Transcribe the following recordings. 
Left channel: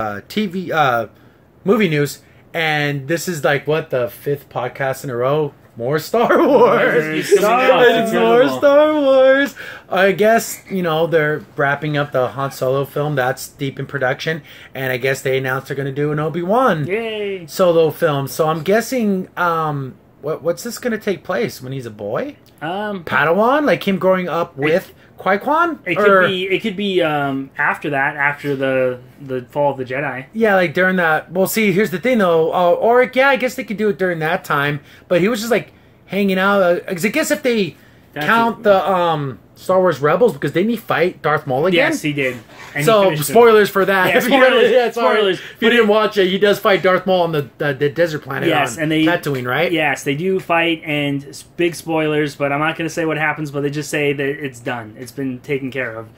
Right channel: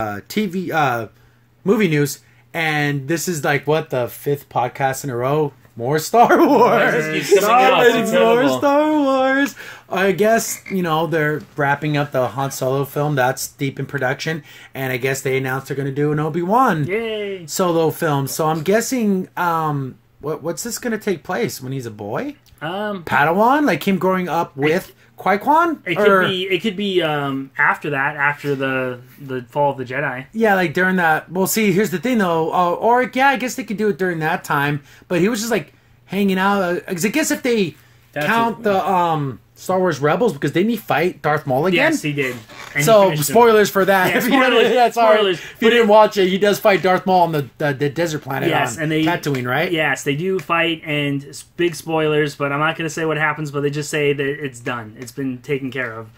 movie news, and this is like what, the 5th podcast in a row. More Star Wars. More Star Wars. I guess, you know, they're wrapping up the Han Solo film. That's deep in production. And I guess they announced they're going to do an Obi Won solo film. So I'm guessing, what's this going to take place? When he's a boy? Padawan? Like him growing up with Qui-Gon? It could be after that, after the Fall of the Jedi. Yeah, like during that. Well, see, here's the thing though. Or yeah, I guess they could do it during that time. But he was just like hanging out. Because I guess if they count the Star Wars Rebels, because didn't he fight Darth Maul again? Yes, he did. And so spoilers for that. Yeah, spoilers. Yeah, spoilers. If you didn't watch it, he does fight Darth Maul on the desert planet. Yes, and they Tatooine, right? Yes, they do fight, and big spoilers. But I'm not going to say what happens. But they just say that it's done. It's been taken care of.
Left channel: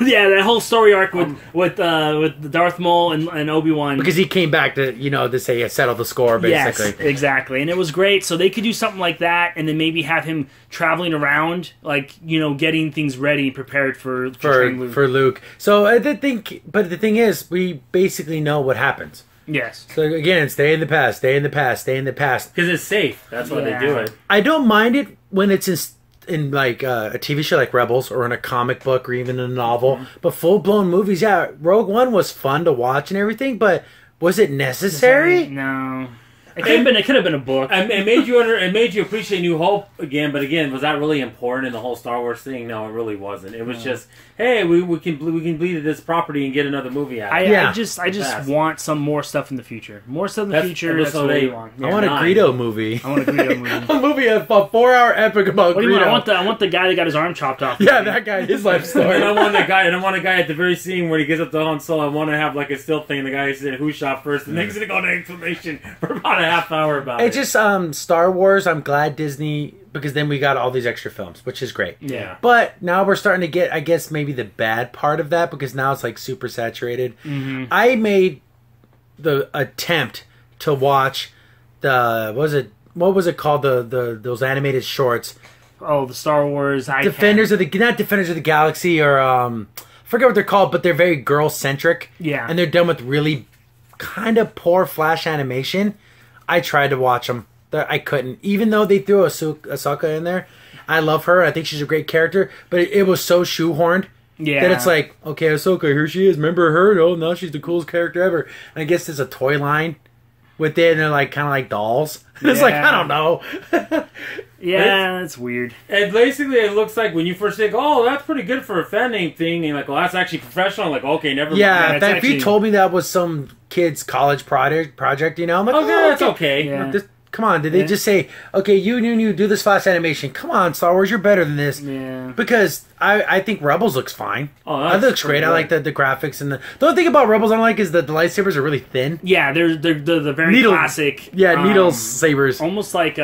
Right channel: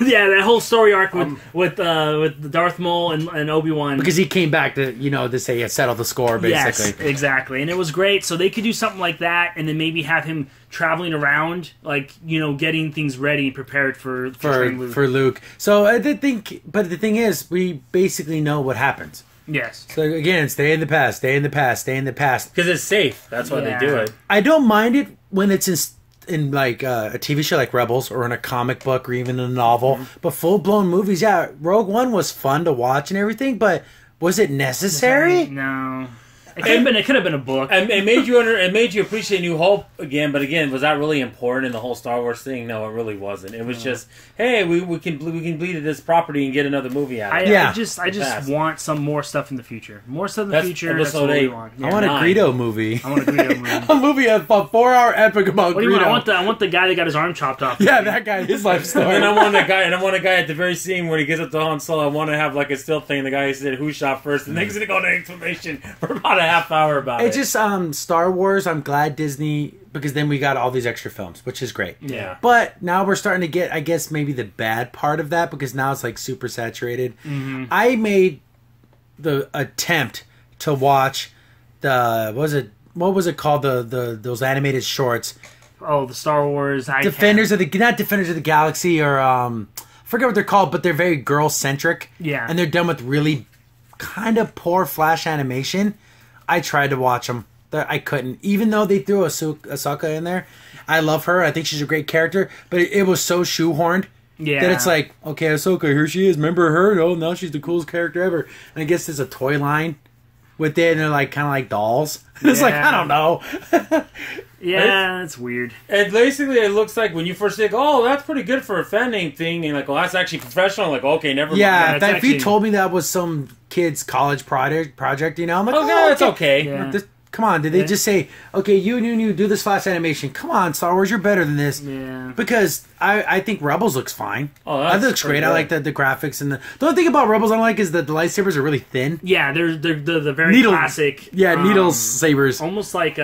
Yeah, that whole story arc with Darth Maul and Obi Wan, because he came back to say he settled the score basically. Yes, exactly, and it was great. So they could do something like that, and then maybe have him traveling around, like getting things ready, prepared for Luke. So the thing is, we basically know what happens. Yes. So again, it's stay in the past, stay in the past, stay in the past. Because it's safe. That's why they do it. I don't mind it when it's in like a TV show like Rebels, or in a comic book, or even in a novel. But full blown movies, yeah. Rogue One was fun to watch and everything, but was it necessary? No. It could have been a book. It made you appreciate New Hope again, but again, was that really important in the whole Star Wars thing? No, it really wasn't. It was just, hey, we can bleed this property and get another movie out. I just want some more stuff in the future. More stuff in the future. That's what we want. I want a Greedo movie. I want a Greedo movie. A movie, a 4-hour epic about Greedo. What do you want? I want the guy that got his arm chopped off. Yeah, that guy. His life story. And I want a guy at the very scene where he gets up to Han Solo. I want to have like a still thing. The guy said who shot first, and then he's gonna go into exclamation for about a half hour about it. It's just Star Wars. I'm glad Disney, because then we got all these extra films, which is great. Yeah. But now we're starting to get, I guess, maybe the bad part of that, because now it's like super saturated. I made the attempt to watch what was it called, those animated shorts. Oh, the Star Wars Defenders of the Galaxy, or I forget what they're called, but they're very girl centric. Yeah. And they're done with really kind of poor flash animation. I tried to watch them. I couldn't. Even though they threw Ahsoka in there. I love her. I think she's a great character. But it was so shoehorned. Yeah. That it's like, okay, Ahsoka, here she is. Remember her? No, now she's the coolest character ever. And I guess there's a toy line with it. And they're like kind of like dolls. It's like, I don't know. Yeah, that's weird. And basically, it looks like when you first think, "Oh, that's pretty good for a fan name thing," and like, "Well, that's actually professional." I'm like, okay, never. Yeah, if you told me that was some kid's college project, I'm like, okay, that's okay. Yeah. Come on, did they just say, okay, you do this flash animation? Come on, Star Wars, you're better than this. Yeah. Because I think Rebels looks fine. Oh, that looks great. I like the graphics and the only thing about Rebels I don't like is that the lightsabers are really thin. Yeah, they're the very classic. Yeah, needle sabers. Almost like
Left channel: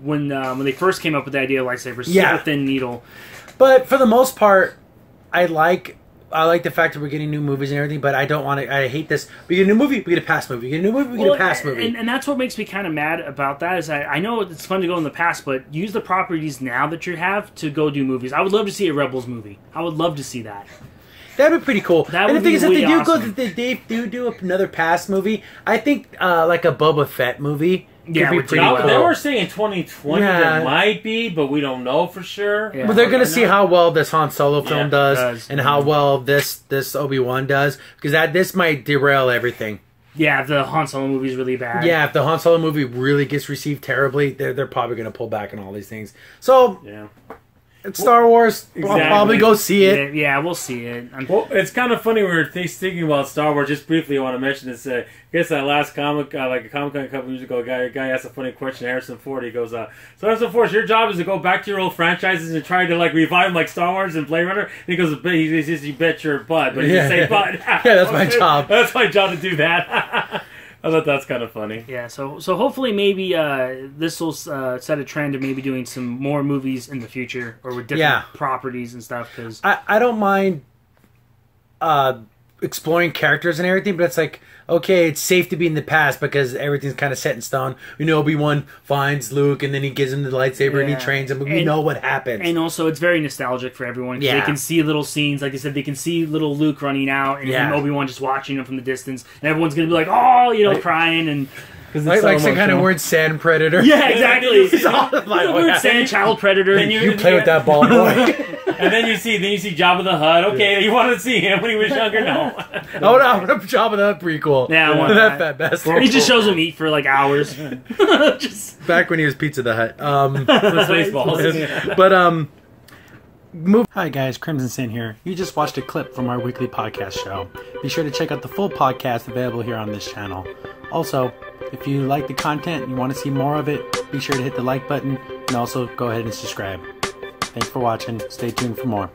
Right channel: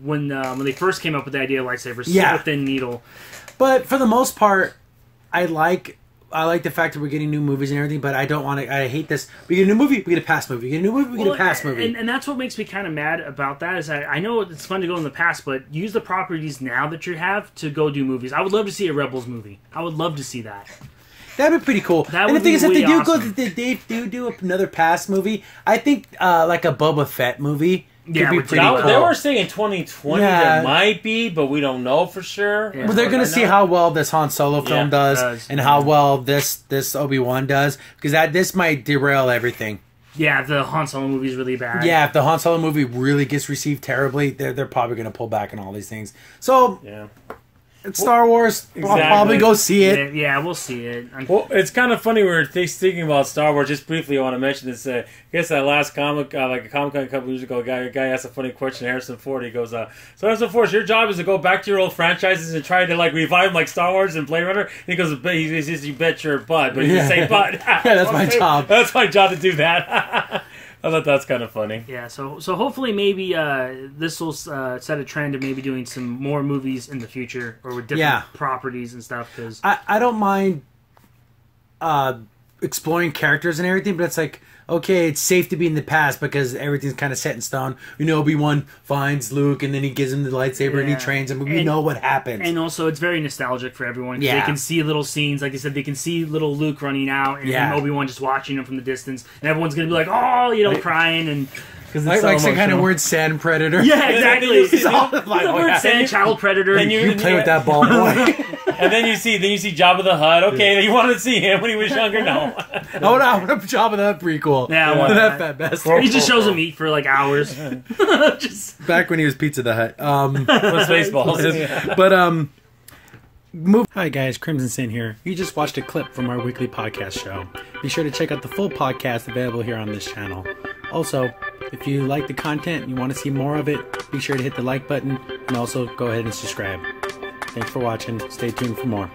when they first came up with the idea of lightsabers, yeah, super thin needle. But for the most part, I like the fact that we're getting new movies and everything, but I don't want to. I hate this. We get a new movie, we get a past movie. We get a new movie, we get a past movie. And that's what makes me kind of mad about that. Is I know it's fun to go in the past, but use the properties now that you have to go do movies. I would love to see a Rebels movie. I would love to see that. That'd be pretty cool. That and would the thing be is, if really they do awesome. they do another past movie, I think like a Boba Fett movie. Yeah, be pretty cool. They were saying 2020 there might be, but we don't know for sure. Yeah. Well, they're going to see how well this Han Solo film does, and how well this Obi Wan does, because this might derail everything. Yeah, if the Han Solo movie is really bad. Yeah, if the Han Solo movie really gets received terribly, they're probably going to pull back on all these things. So yeah. It's Star Wars. Exactly. I'll probably go see it. Yeah, we'll see it. Well, it's kind of funny we're thinking about Star Wars. Just briefly, I want to mention this. I guess that last comic, like a Comic-Con a couple years ago, a guy asked a funny question. Harrison Ford, he goes, "So Harrison Ford, your job is to go back to your old franchises and try to like revive them, like Star Wars and Blade Runner." And he goes, "He says you bet your butt, but he didn't say butt." Yeah, that's my job. That's my job to do that. I thought that's kind of funny. Yeah, so hopefully maybe this will set a trend of maybe doing some more movies in the future, or with different properties and stuff. Because I don't mind exploring characters and everything, but it's like, okay, it's safe to be in the past because everything's kind of set in stone. We know Obi Wan finds Luke, and then he gives him the lightsaber, and he trains him. But we know what happens. And also, it's very nostalgic for everyone because they can see little scenes. Like I said, they can see little Luke running out, and Obi Wan just watching him from the distance, and everyone's gonna be like, "Oh," crying and. Because it's like some kind of weird sand predator. Yeah, exactly. He's a weird sand child predator. And you play with that ball, boy. And then you see Jabba the Hutt. Okay, you wanted to see him when he was younger? No. I want a Jabba the Hutt prequel. Yeah, I want that fat bastard. He just shows him eat for like hours. Just back when he was Pizza the Hutt. Spaceballs. But Hi guys, Crimson Sin here. You just watched a clip from our weekly podcast show. Be sure to check out the full podcast available here on this channel. Also, if you like the content and you want to see more of it, be sure to hit the like button and also go ahead and subscribe. Thanks for watching. Stay tuned for more.